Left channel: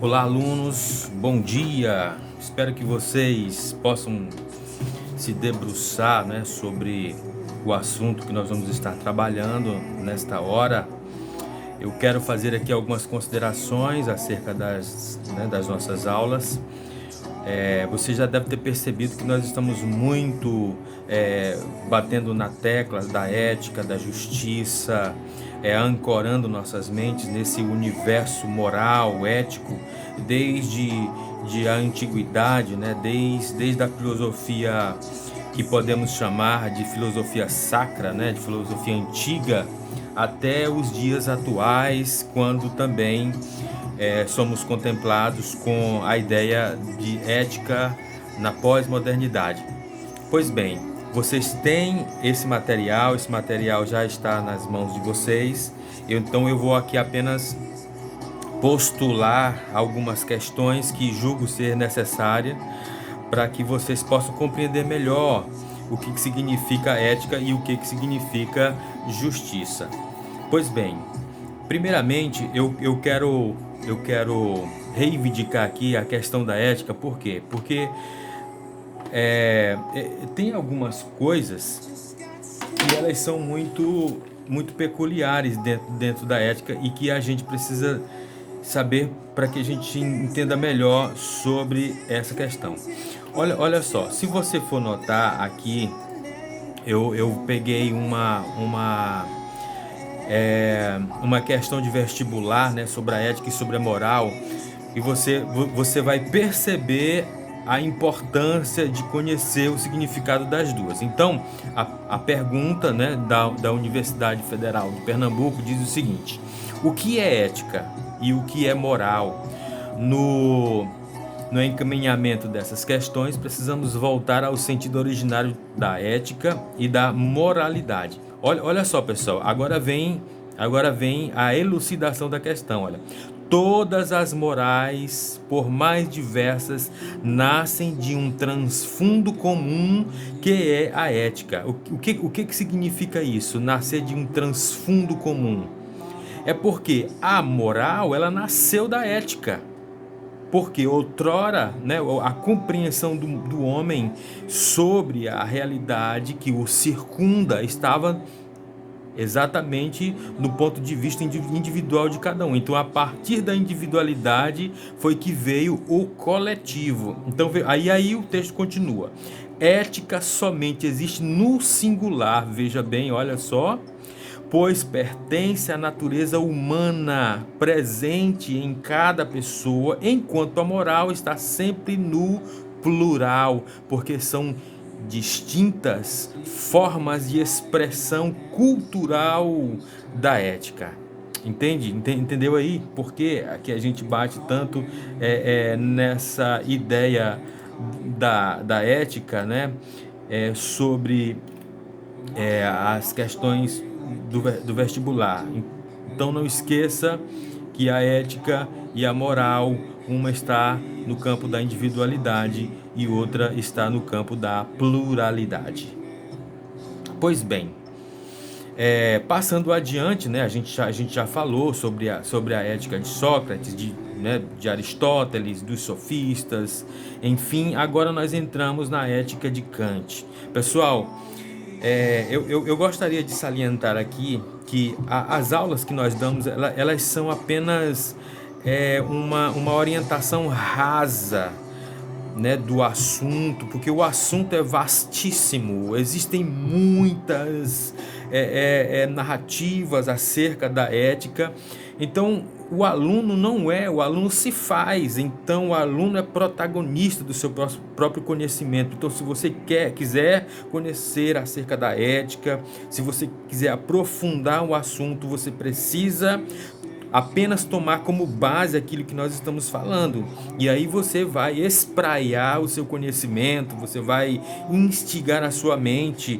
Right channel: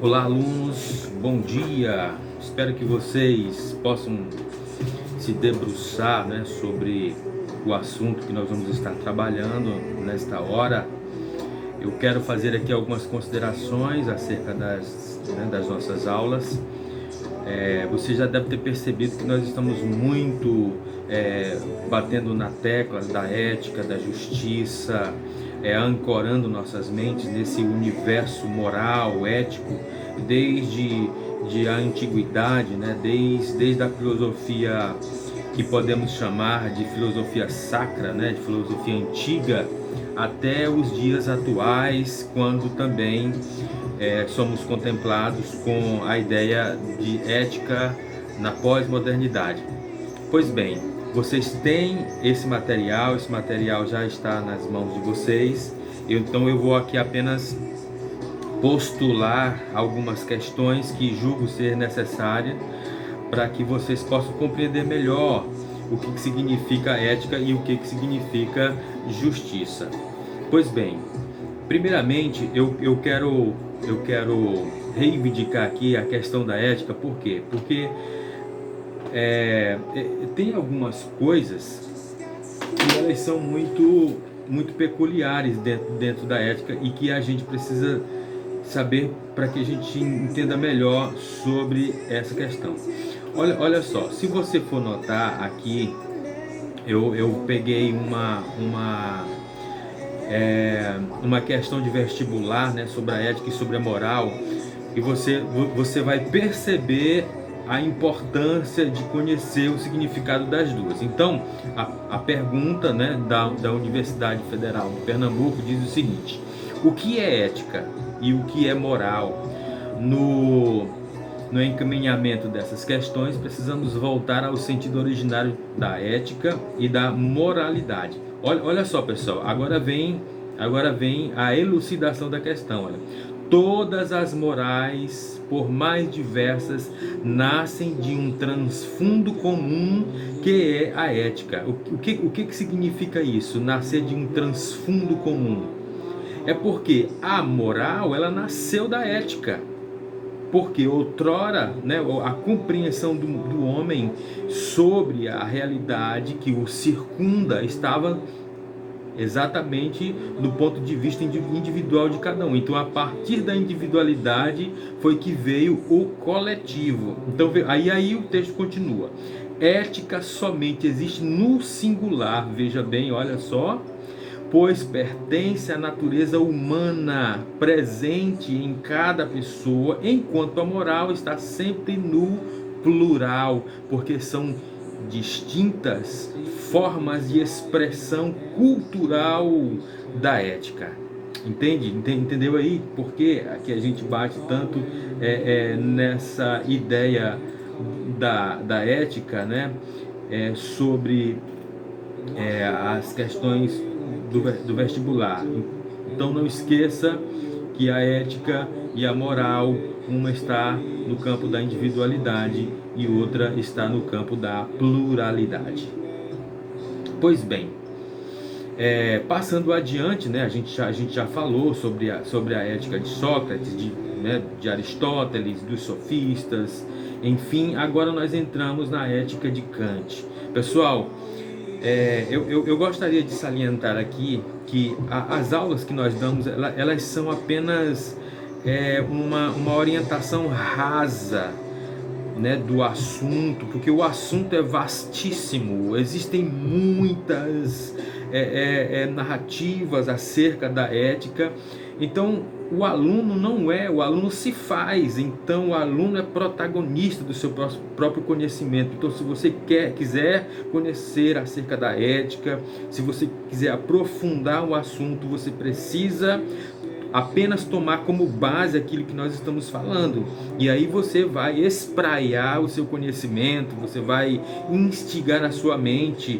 Olá, alunos, bom dia. Espero que vocês possam se debruçar, sobre o assunto que nós vamos estar trabalhando nesta hora. Eu quero fazer aqui algumas considerações acerca das nossas aulas. Você já deve ter percebido que nós estamos muito batendo na tecla da ética, da justiça, ancorando nossas mentes nesse universo moral, ético, desde a antiguidade, desde a filosofia que podemos chamar de filosofia sacra, de filosofia antiga, até os dias atuais, quando também somos contemplados com a ideia de ética na pós-modernidade. Pois bem, vocês têm esse material já está nas mãos de vocês, então eu vou aqui apenas postular algumas questões que julgo ser necessárias para que vocês possam compreender melhor o que significa ética e o que significa justiça. Pois bem, primeiramente eu quero reivindicar aqui a questão da ética. Por quê? Porque tem algumas coisas que elas são muito peculiares dentro da ética e que a gente precisa saber para que a gente entenda melhor sobre essa questão. Olha só, se você for notar aqui, eu peguei uma questão de vestibular, sobre a ética e sobre a moral, e você vai perceber a importância de conhecer o significado das duas. Então, a pergunta, da Universidade Federal de Pernambuco diz o seguinte: o que é ética e o que é moral? No encaminhamento dessas questões, precisamos voltar ao sentido originário da ética e da moralidade. Olha só, pessoal, agora vem a elucidação da questão. Olha, todas as morais, por mais diversas, nascem de um transfundo comum que é a ética. O que significa isso? Nascer de um transfundo comum? É porque a moral, ela nasceu da ética. Porque outrora, a compreensão do homem sobre a realidade que o circunda estava exatamente do ponto de vista individual de cada um. Então, a partir da individualidade foi que veio o coletivo. Então, aí o texto continua. Ética somente existe no singular, veja bem, olha só, pois pertence à natureza humana presente em cada pessoa, enquanto a moral está sempre no plural, porque são distintas formas de expressão cultural da ética. Entendeu aí por que a gente bate tanto nessa ideia da ética, sobre as questões do vestibular. Então não esqueça que a ética e a moral, uma está no campo da individualidade e outra está no campo da pluralidade. Pois bem, passando adiante, a gente já falou sobre a ética de Sócrates, de Aristóteles, dos sofistas, enfim, agora nós entramos na ética de Kant. Pessoal, eu gostaria de salientar aqui que as aulas que nós damos, elas são apenas uma orientação rasa, do assunto, porque o assunto é vastíssimo, existem muitas narrativas acerca da ética. Então o aluno se faz, então o aluno é protagonista do seu próprio conhecimento. Então, se você quiser conhecer acerca da ética, se você quiser aprofundar o assunto, você precisa apenas tomar como base aquilo que nós estamos falando, e aí você vai espraiar o seu conhecimento, você vai instigar a sua mente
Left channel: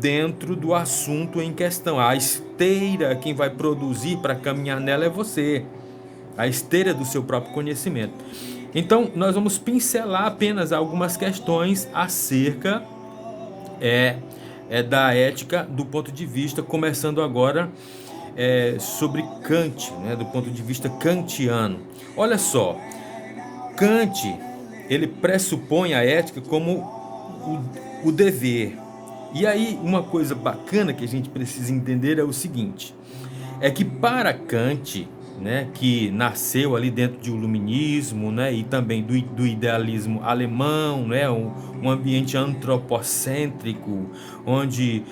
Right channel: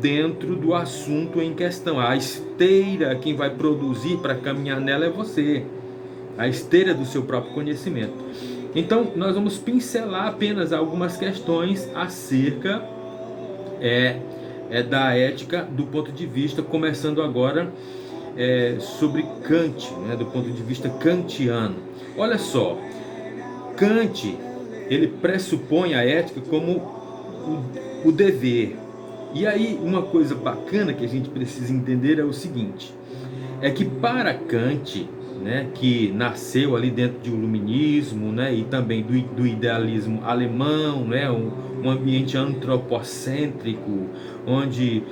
dentro do assunto em questão. A esteira, quem vai produzir para caminhar nela é você, a esteira do seu próprio conhecimento. Então nós vamos pincelar apenas algumas questões acerca da ética do ponto de vista, começando agora sobre Kant, né, do ponto de vista kantiano. Olha só, Kant, ele pressupõe a ética como o dever. E aí, uma coisa bacana que a gente precisa entender é o seguinte, é que para Kant, né, que nasceu ali dentro de um iluminismo, né, e também do idealismo alemão, né, um ambiente antropocêntrico, onde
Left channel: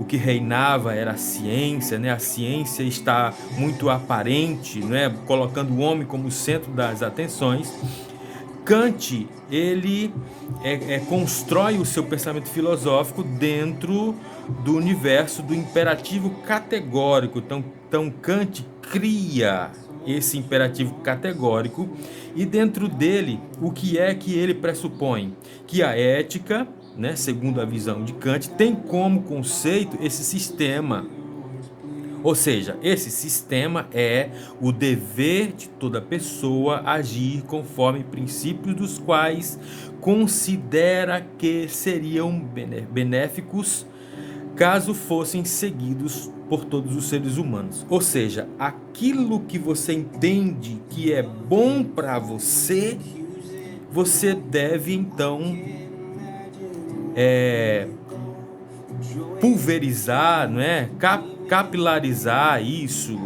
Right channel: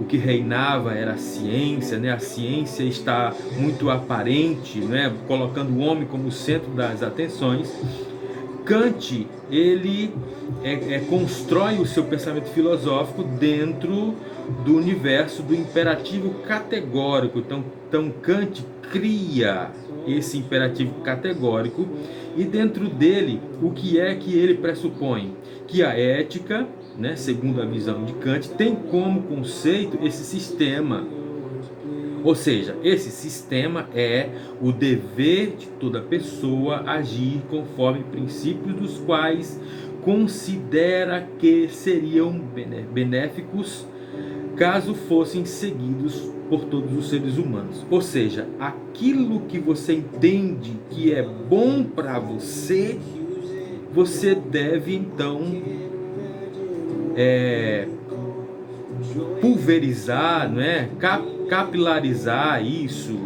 o que reinava era a ciência, né, a ciência está muito aparente, né, colocando o homem como centro das atenções. Kant, ele constrói o seu pensamento filosófico dentro do universo do imperativo categórico. Então Kant cria esse imperativo categórico e dentro dele, o que é que ele pressupõe? Que a ética, né, segundo a visão de Kant, tem como conceito esse sistema. Ou seja, esse sistema é o dever de toda pessoa agir conforme princípios dos quais considera que seriam benéficos caso fossem seguidos por todos os seres humanos. Ou seja, aquilo que você entende que é bom para você, você deve então pulverizar, não é? Capilarizar isso,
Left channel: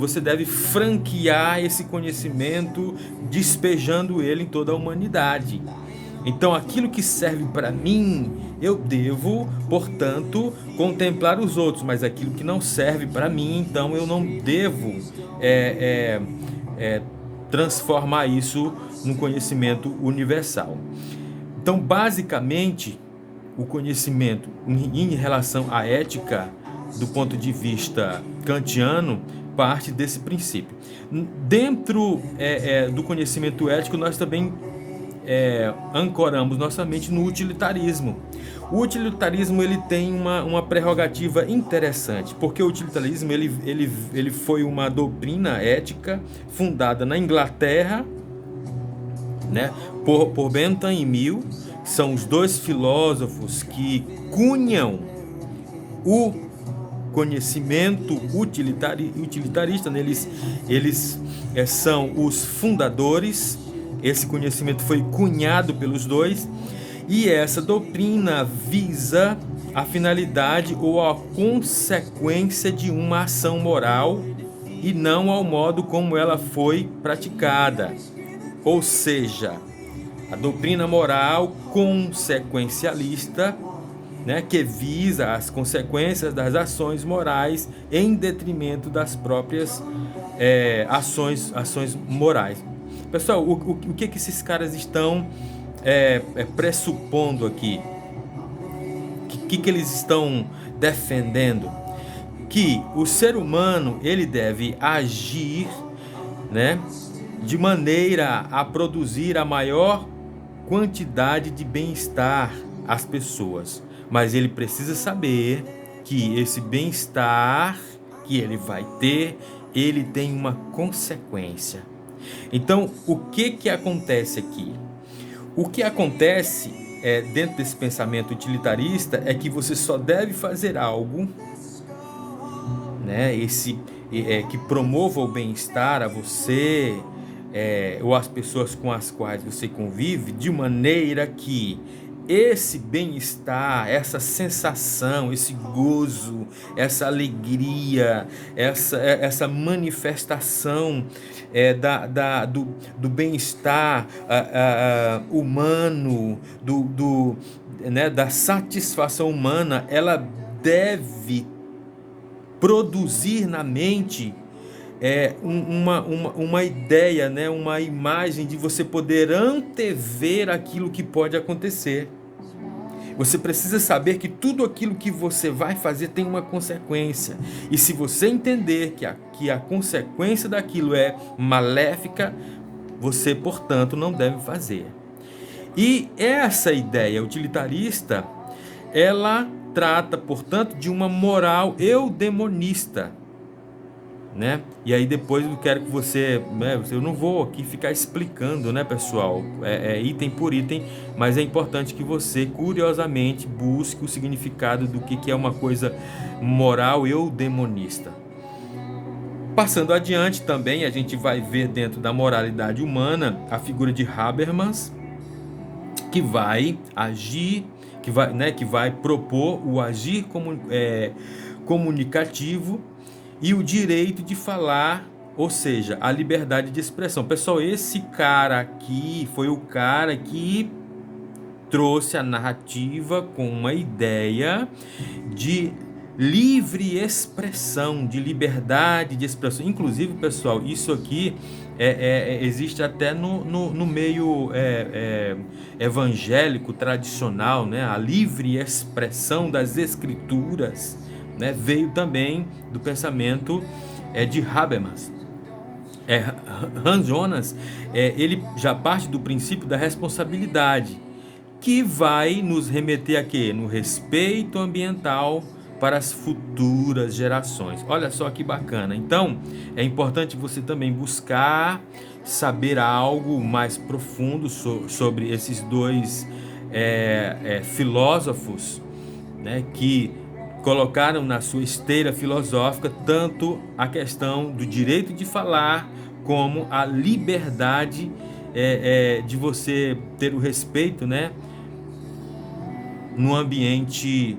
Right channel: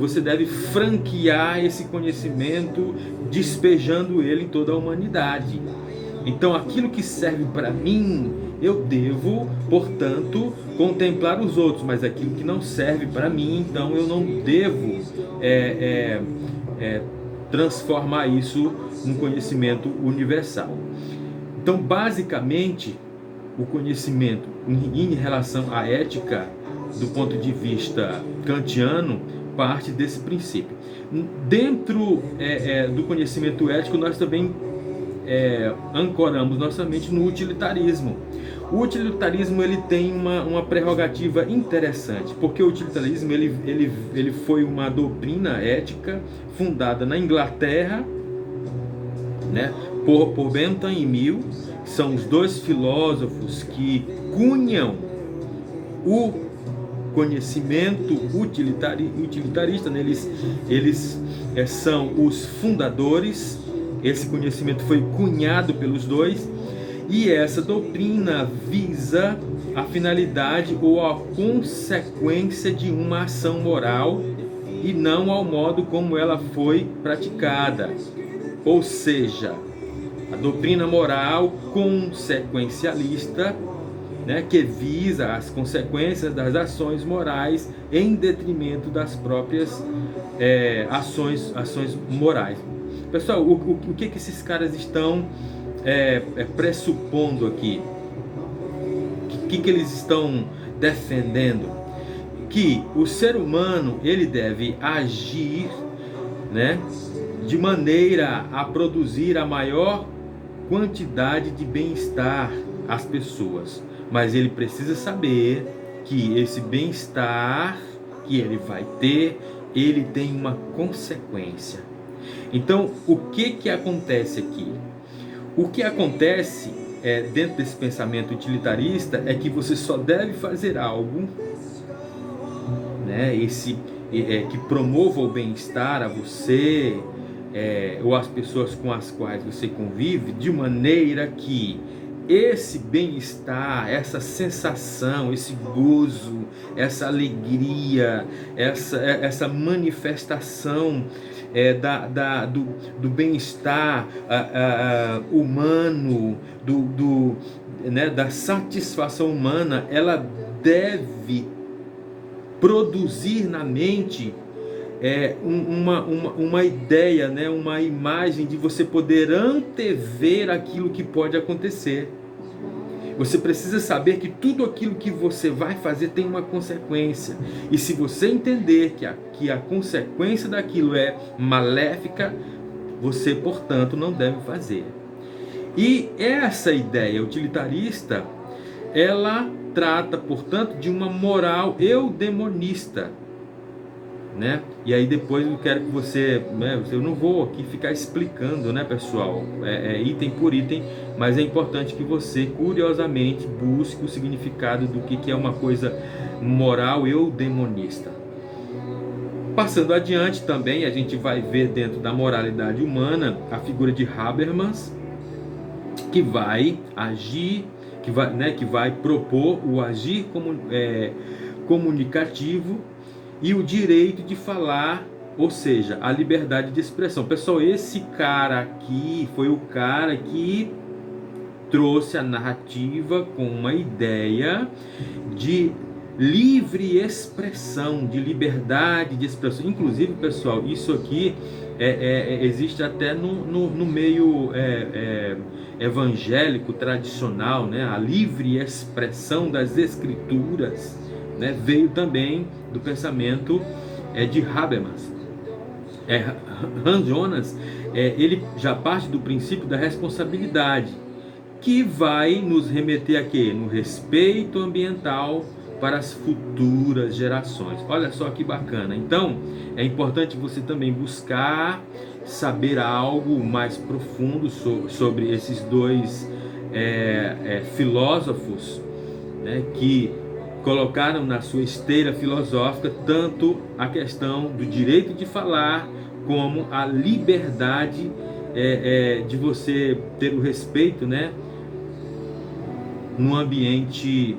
você deve franquear esse conhecimento, despejando ele em toda a humanidade. Então, aquilo que serve para mim, eu devo, portanto, contemplar os outros, mas aquilo que não serve para mim, então eu não devo transformar isso num conhecimento universal. Então, basicamente, o conhecimento em relação à ética, do ponto de vista kantiano, parte desse princípio. Dentro do conhecimento ético, nós também ancoramos nossa mente no utilitarismo. O utilitarismo ele tem uma prerrogativa interessante, porque o utilitarismo ele foi uma doutrina ética fundada na Inglaterra, né, por Bentham e Mill. São os dois filósofos que cunham o conhecimento utilitarista, né? Eles são os fundadores. Esse conhecimento foi cunhado pelos dois, e essa doutrina visa a finalidade ou a consequência de uma ação moral e não ao modo como ela foi praticada. Ou seja, a doutrina moral consequencialista, né, que visa as consequências das ações morais em detrimento das próprias ações morais. Pessoal, o que esses caras estão pressupondo aqui? O que eles estão defendendo? Que o ser humano ele deve agir, né, de maneira a produzir a maior quantidade de bem-estar às pessoas, mas ele precisa saber que esse bem-estar que ele vai ter, ele tem uma consequência. Então, o que acontece aqui? O que acontece dentro desse pensamento utilitarista é que você só deve fazer algo, né, que promova o bem-estar a você, ou as pessoas com as quais você convive, de maneira que esse bem-estar, essa sensação, esse gozo, essa alegria, essa manifestação do bem-estar humano, né, da satisfação humana, ela deve produzir na mente uma ideia, né, uma imagem de você poder antever aquilo que pode acontecer. Você precisa saber que tudo aquilo que você vai fazer tem uma consequência. E se você entender que a consequência daquilo é maléfica, você, portanto, não deve fazer. E essa ideia utilitarista, ela trata, portanto, de uma moral eudemonista. né? E aí depois eu quero que você, né, eu não vou aqui ficar explicando, né, pessoal, item por item, mas é importante que você curiosamente busque o significado do que é uma coisa moral e ou demonista. Passando adiante também, a gente vai ver dentro da moralidade humana a figura de Habermas, que vai agir, que vai propor o agir comunicativo e o direito de falar, ou seja, a liberdade de expressão. Pessoal, esse cara aqui foi o cara que trouxe a narrativa com uma ideia de livre expressão, de liberdade de expressão. Inclusive, pessoal, isso aqui existe até no meio evangélico tradicional, né? A livre expressão das escrituras, né? Veio também do pensamento de Habermas. Hans Jonas, ele já parte do princípio da responsabilidade, que vai nos remeter a quê? No respeito ambiental para as futuras gerações. Olha só que bacana. Então, é importante você também buscar saber algo mais profundo sobre esses dois filósofos, né, que colocaram na sua esteira filosófica tanto a questão do direito de falar como a liberdade de você ter o respeito, né, no ambiente,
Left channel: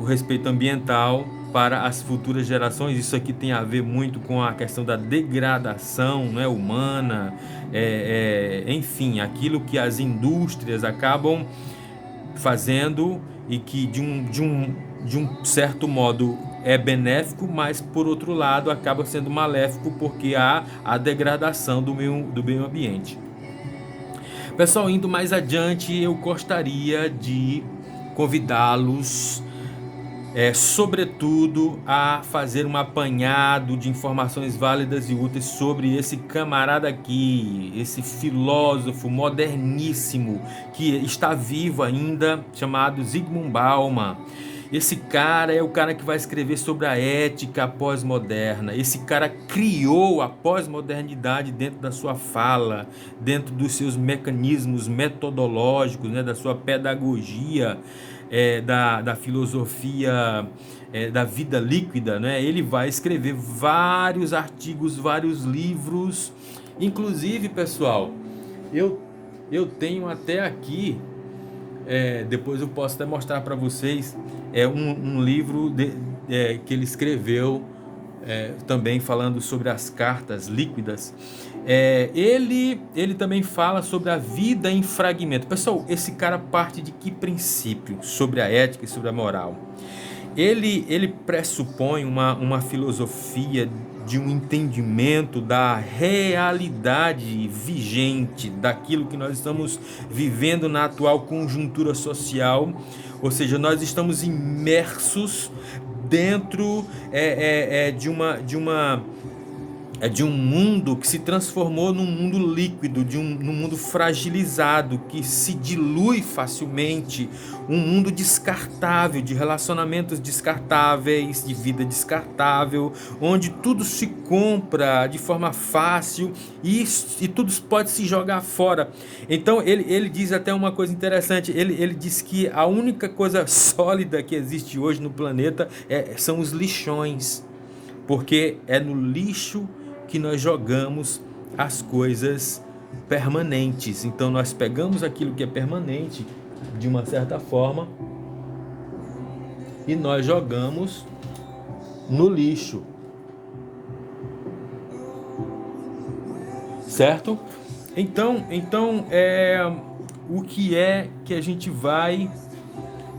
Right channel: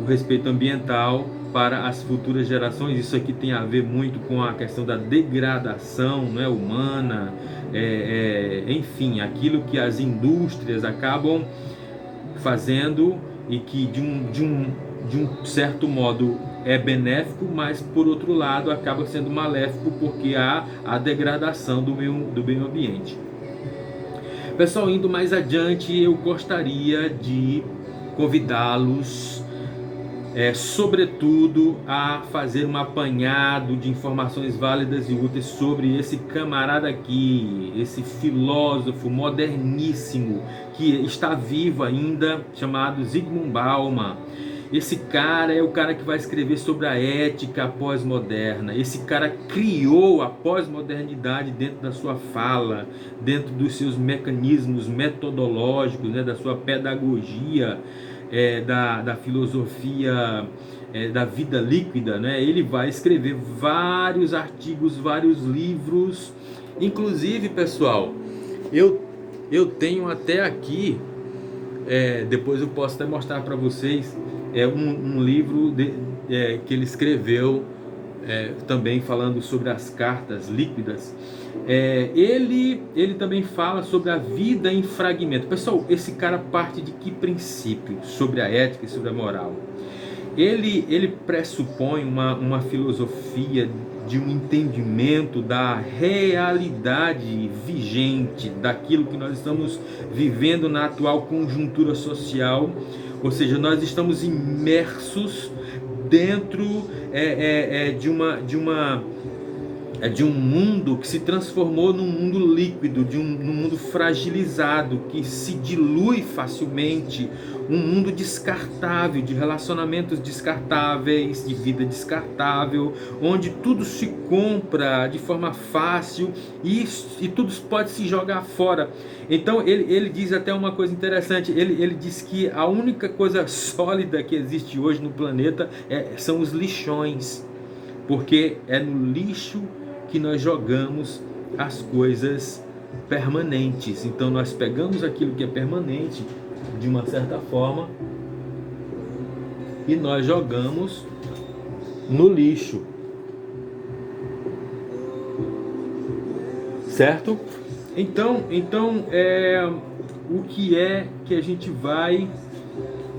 o respeito ambiental para as futuras gerações. Isso aqui tem a ver muito com a questão da degradação, né, humana, enfim, aquilo que as indústrias acabam fazendo e que de um certo modo é benéfico, mas por outro lado acaba sendo maléfico, porque há a degradação do meio ambiente. Pessoal, indo mais adiante, eu gostaria de convidá-los, sobretudo, a fazer um apanhado de informações válidas e úteis sobre esse camarada aqui, esse filósofo moderníssimo que está vivo ainda, chamado Zygmunt Bauman. Esse cara é o cara que vai escrever sobre a ética pós-moderna. Esse cara criou a pós-modernidade dentro da sua fala, dentro dos seus mecanismos metodológicos, né, da sua pedagogia, da filosofia da vida líquida, né? Ele vai escrever vários artigos, vários livros. Inclusive, pessoal, eu tenho até aqui, depois eu posso até mostrar para vocês, um livro que ele escreveu, também falando sobre as cartas líquidas. Ele também fala sobre a vida em fragmento. Pessoal, esse cara parte de que princípio sobre a ética e sobre a moral? Ele pressupõe uma filosofia de um entendimento da realidade vigente, daquilo que nós estamos vivendo na atual conjuntura social. Ou seja, nós estamos imersos dentro de um mundo que se transformou num mundo líquido, num mundo fragilizado, que se dilui facilmente, um mundo descartável, de relacionamentos descartáveis, de vida descartável, onde tudo se compra de forma fácil e tudo pode se jogar fora. Então ele diz até uma coisa interessante, ele diz que a única coisa sólida que existe hoje no planeta são os lixões, porque é no lixo que nós jogamos as coisas permanentes. Então nós pegamos aquilo que é permanente de uma certa forma e nós jogamos no lixo, certo? Então o que é que a gente vai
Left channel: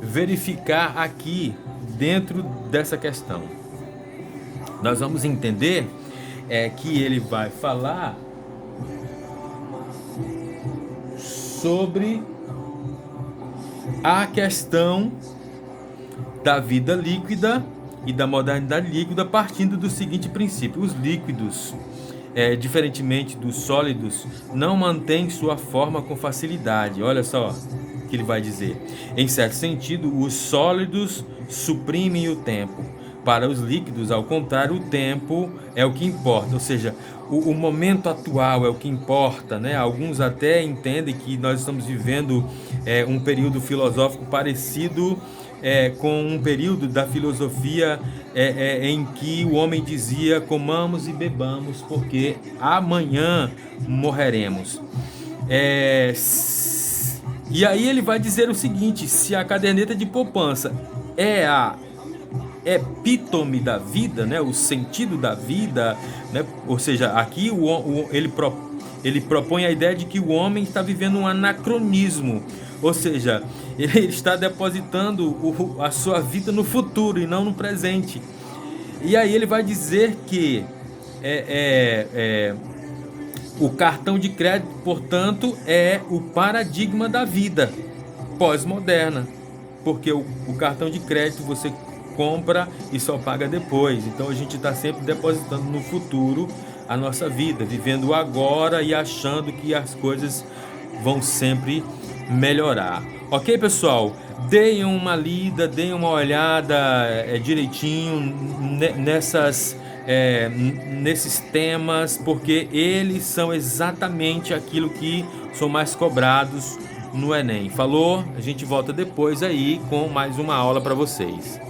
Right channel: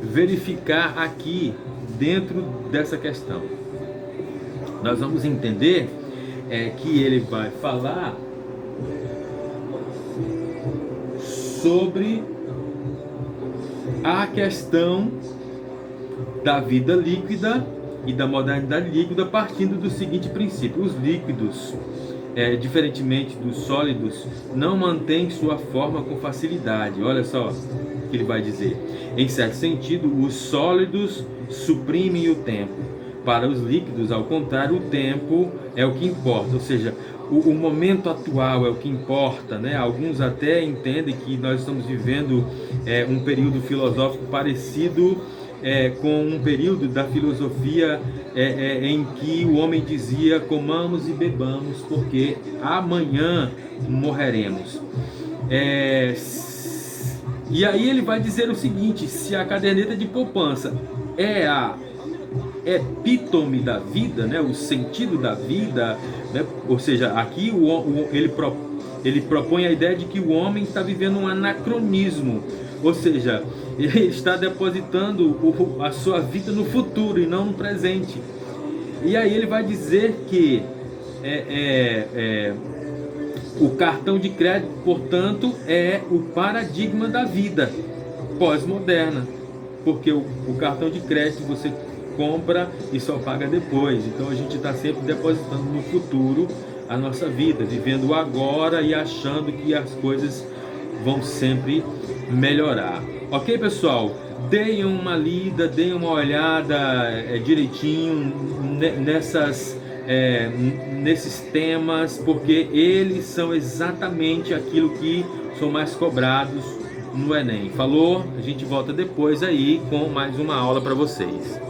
verificar aqui dentro dessa questão? Nós vamos entender que ele vai falar sobre a questão da vida líquida e da modernidade líquida, partindo do seguinte princípio: os líquidos, diferentemente dos sólidos, não mantêm sua forma com facilidade. Olha só o que ele vai dizer. Em certo sentido, os sólidos suprimem o tempo. Para os líquidos, ao contrário, o tempo é o que importa, ou seja, o momento atual é o que importa, né? Alguns até entendem que nós estamos vivendo um período filosófico parecido com um período da filosofia em que o homem dizia: comamos e bebamos, porque amanhã morreremos. E aí ele vai dizer o seguinte: se a caderneta de poupança é a epítome da vida, né, o sentido da vida, né, ou seja, aqui ele propõe a ideia de que o homem está vivendo um anacronismo, ou seja, ele está depositando a sua vida no futuro e não no presente. E aí ele vai dizer que o cartão de crédito, portanto, é o paradigma da vida pós-moderna, porque o cartão de crédito você compra e só paga depois. Então a gente está sempre depositando no futuro a nossa vida, vivendo agora e achando que as coisas vão sempre melhorar. Ok, pessoal? Deem uma lida, deem uma olhada direitinho nesses temas, porque eles são exatamente aquilo que são mais cobrados no Enem. Falou? A gente volta depois aí com mais uma aula para vocês.